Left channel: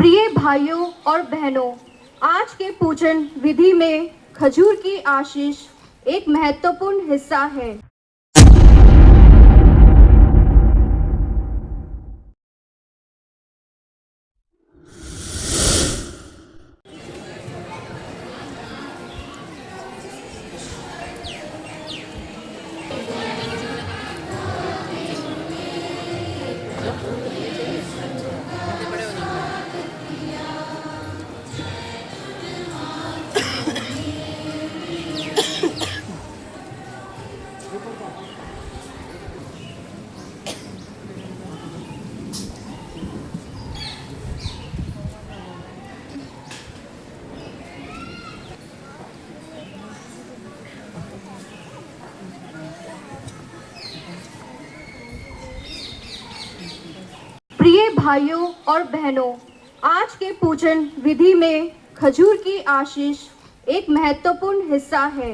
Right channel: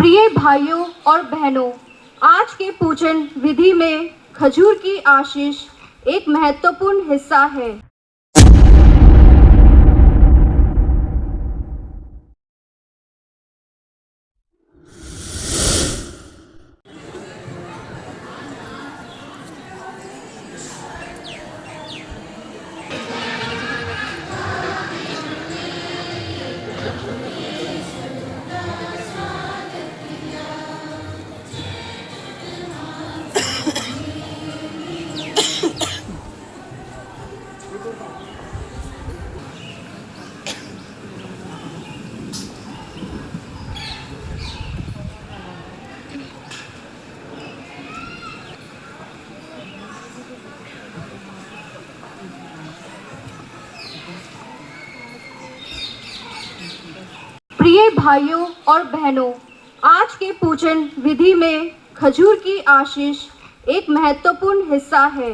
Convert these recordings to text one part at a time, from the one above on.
प्रिय भाइयों और बहनों, आज के पूजन विधि में खजूर की आशीष एक महत्वपूर्ण हिस्सा है। प्रिय भाइयों और बहनों, आज के पूजन विधि में खजूर की आशीष एक महत्वपूर्ण हिस्सा है।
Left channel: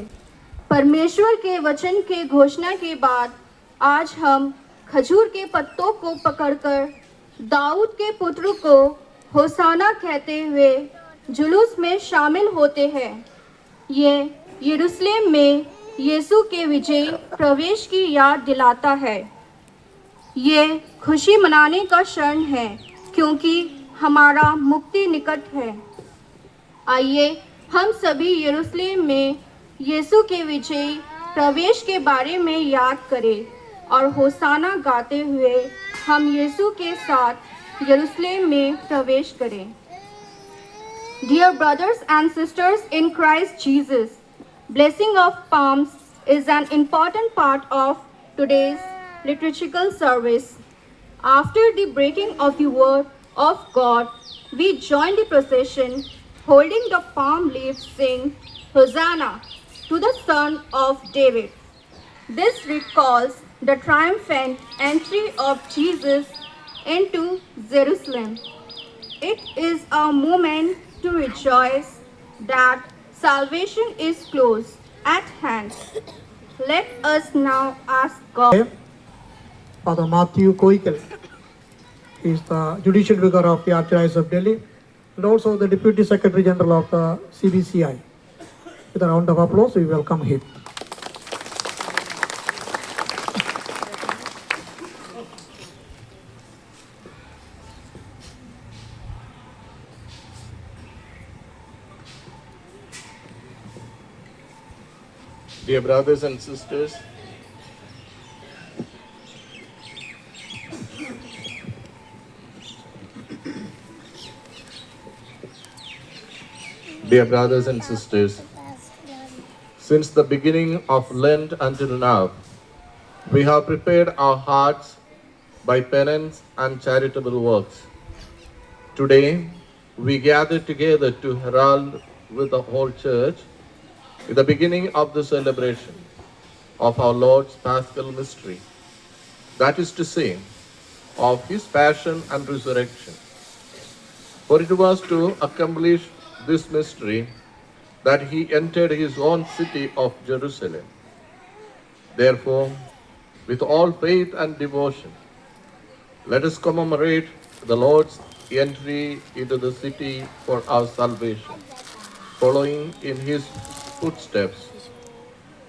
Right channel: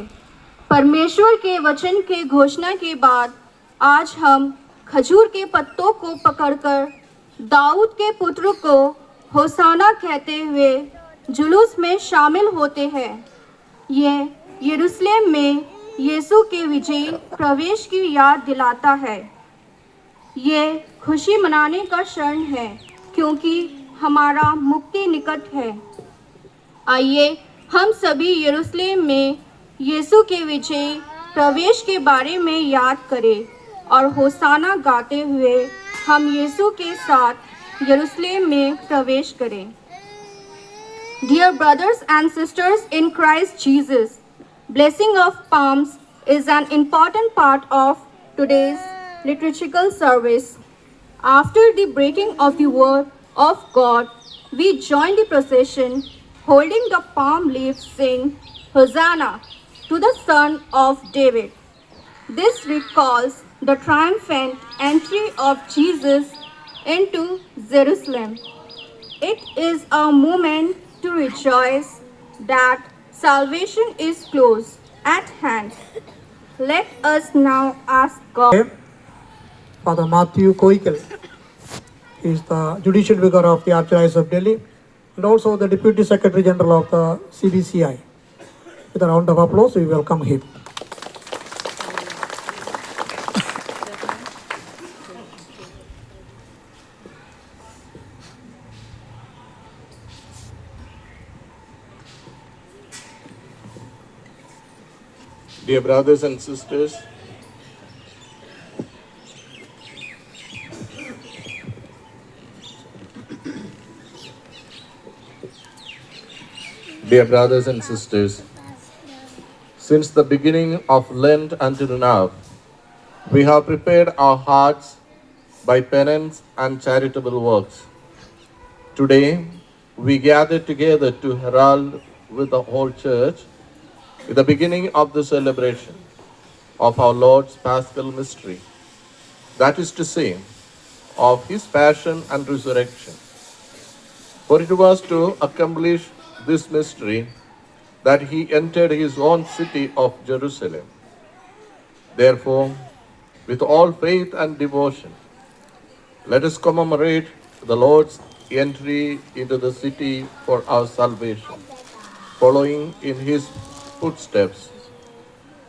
परमेश्वर के वचन के घोषणा के बाद आज हम खजूर के पत्तों को पकड़कर दाऊद के पुत्र को होसाना कहते हुए जुलूस में शामिल होते हैं। ये यरूशलेम में यीशु के विजय प्रवेश की याद दिलाता है। ये खुशी मनाने का क्षण है क्योंकि हमारा मुक्ति निकट है। आइए हम सभी यरूशलेम में यीशु के विजय प्रवेश के बारे में याद करें और होसाना गाते हुए हम यीशु के साथ यरूशलेम में प्रवेश करें। Dear brothers and sisters in Christ Jesus, blessing of palms is an important part of today's liturgical service. After the breaking of the word of God, we join the procession holding the palm leaves, sing Hosanna to the Son of David. This recalls the triumphant entry of Jesus into Jerusalem. It is a moment to rejoice that salvation is close at hand. Let us now ask God. Father Matthew Koikal. He is the Judicial Vicar of the Archdiocese of Delhi and also the Deputy Secretary General of the CBCI. With a round of applause, we welcome him. Dear brothers and sisters, since the beginning of Lent until now, we have prepared our hearts by penance and charitable works. Today, we gather together to herald with the whole church the beginning of the celebration of our Lord's Paschal mystery, that is to say, of his passion and resurrection. For it was to accomplish this mystery that he entered his own city of Jerusalem. Therefore, with all faith and devotion, let us commemorate the Lord's entry into the city for our salvation, following in his footsteps,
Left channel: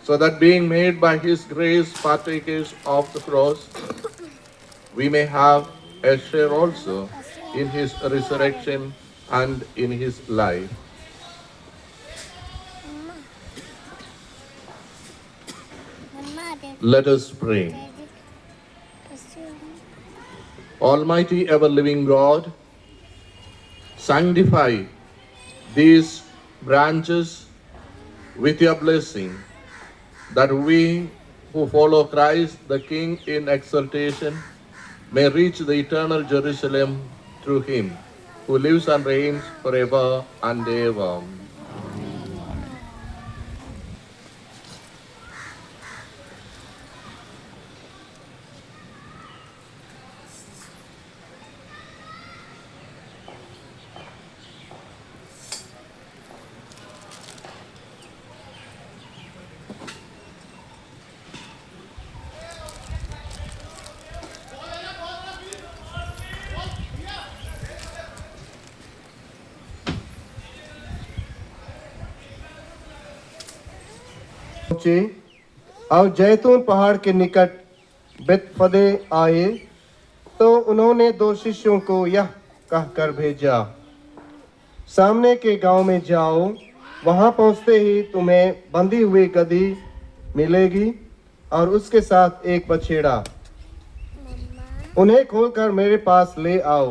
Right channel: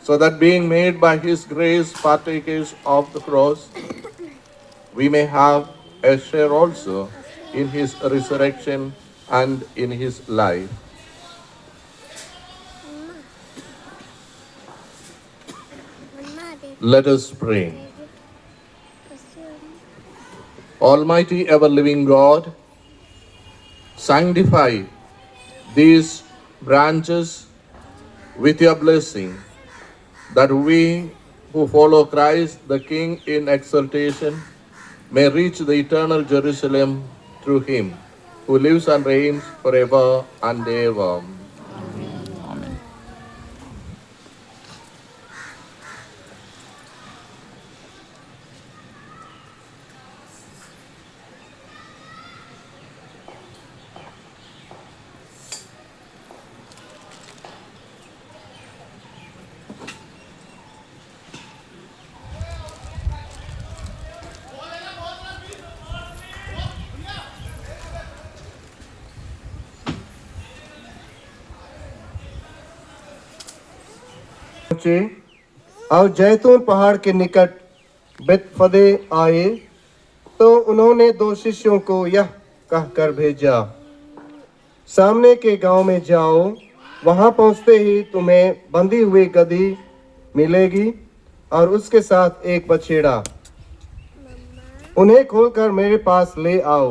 so that being made by his grace partakers of the cross, we may have a share also in his resurrection and in his life. Let us pray. Almighty ever-living God, sanctify these branches with your blessing, that we who follow Christ the King in exaltation may reach the eternal Jerusalem through him, who lives and reigns forever and ever. पहुंचे और जैतून पहाड़ के निकट बेतफदे आए तो उन्होंने 2 शिष्यों को यह कहकर भेजा, सामने के गांव में जाओ, वहां पहुंचते ही तुम्हें बंधी हुई गदही मिलेगी और उसके साथ एक बछेड़ा। उन्हें खोलकर मेरे पास ले आओ।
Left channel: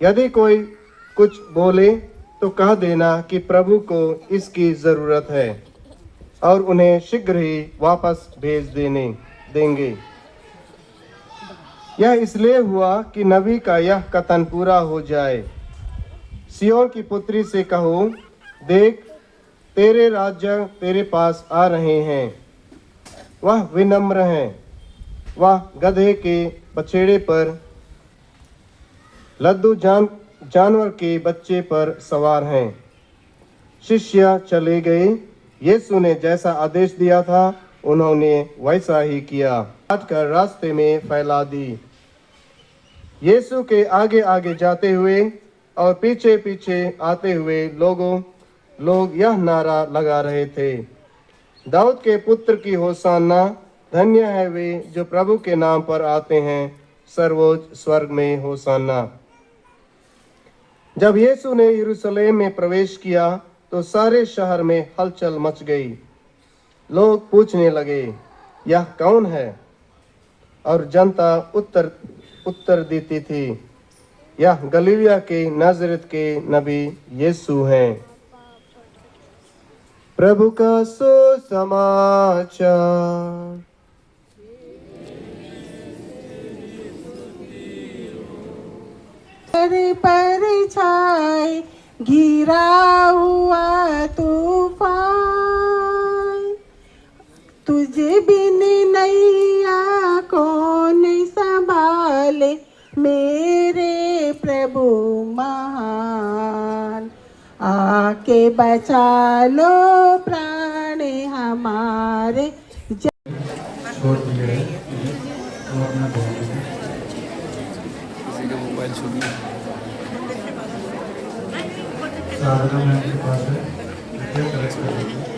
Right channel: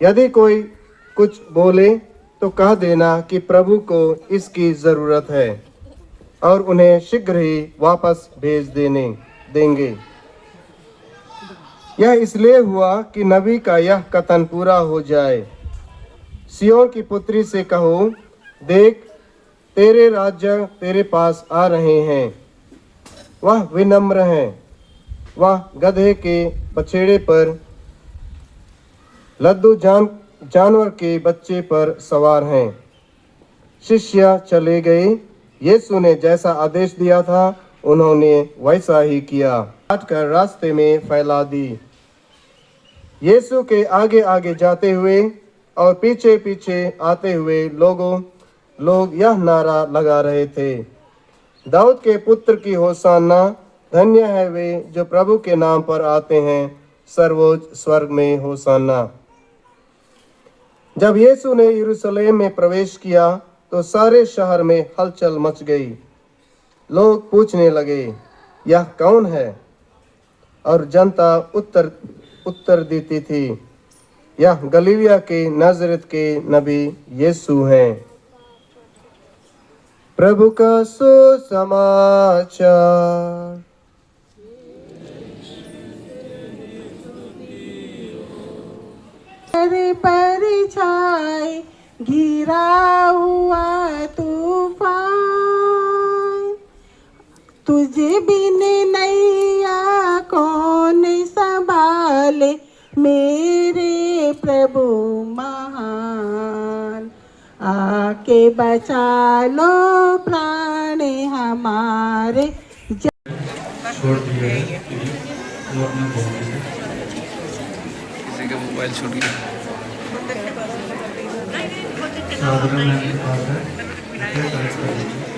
यदि कोई कुछ बोले तो कह देना कि प्रभु को इसकी जरूरत है और उन्हें शीघ्र ही वापस भेज देंगे। यह इसलिए हुआ कि नबी का यह कथन पूरा हो जाए, सियोन की पुत्री से कहो, देख तेरे राज्य तेरे पास आ रहे हैं। वह विनम्र है, वह गधे के बछड़े पर लद्दू जानवर के बच्चे पर सवार हैं। शिष्य चले गए। यीशु ने जैसा आदेश दिया था उन्होंने वैसा ही किया, काट कर रास्ते में फैला दी। यीशु के आगे आगे जाते हुए और पीछे पीछे आते हुए लोग यह नारा लगा रहे थे, दाऊद के पुत्र की होशाना, धन्य है वे जो प्रभु के नाम पर आते हैं, सर्वोच्च स्वर्ग में होशाना। जब यीशु ने यरूशलेम में प्रवेश किया तो सारे शहर में हलचल मच गई। लोग पूछने लगे, यह कौन है? और जनता उत्तर देती थी, यह गलीलिया के नाजरेत के नबी यीशु हैं। प्रभु का सुसमाचार। पर छाए घिरा हुआ तूफान, तुझे बिन नैया कौन संभाले, मेरे प्रभु महान। आके बचा लो प्राण हमारे। छोड़ दिया है, वो अपना बोल रहे हैं। किसी का मोबाइल छूट गया। साधारण मैम के पास है, ये कलेक्ट कर दीजिए।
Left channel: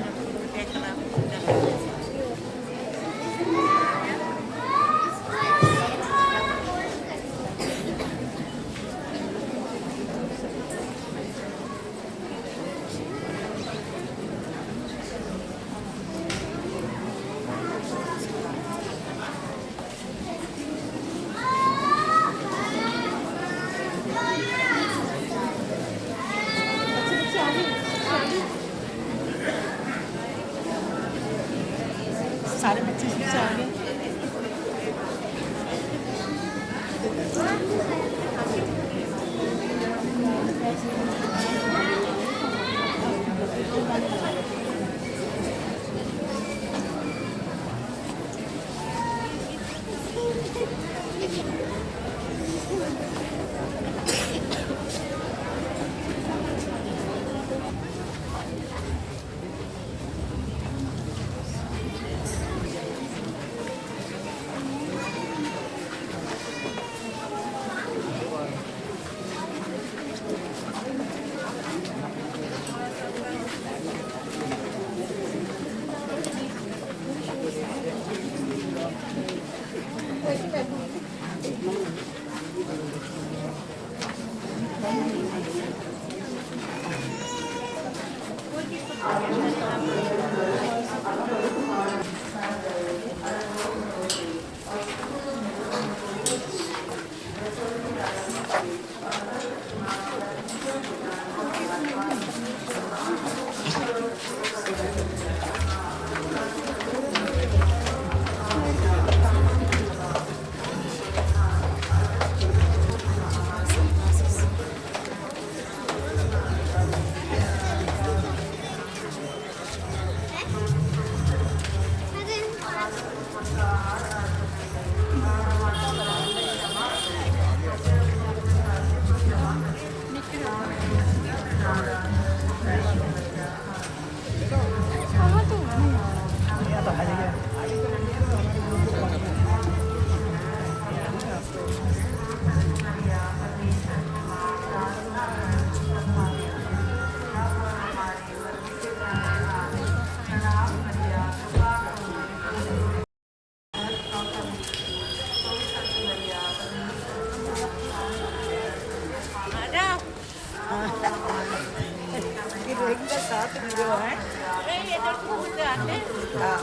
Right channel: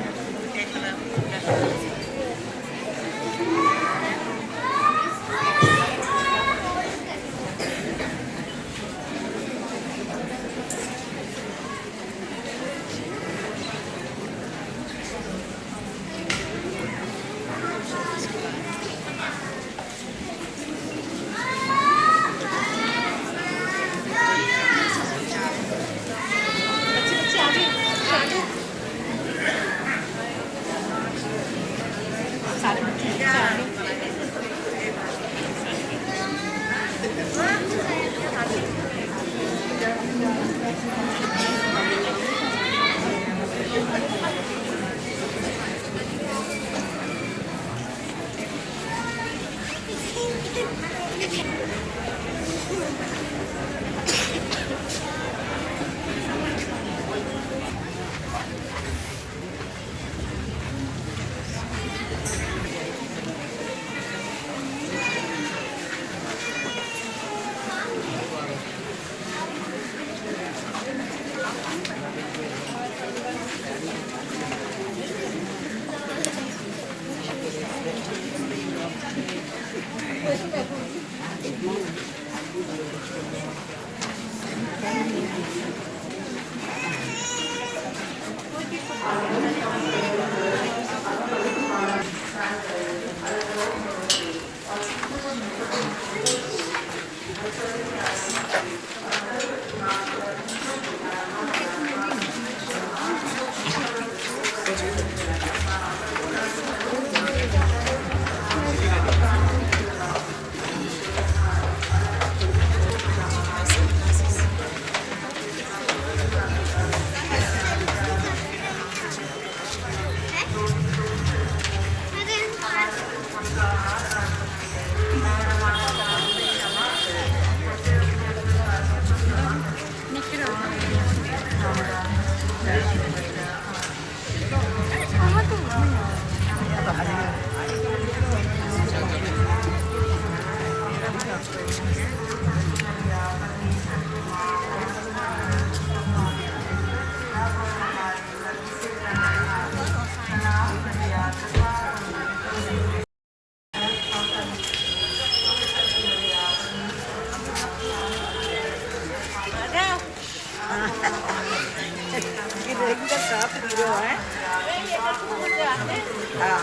है ना।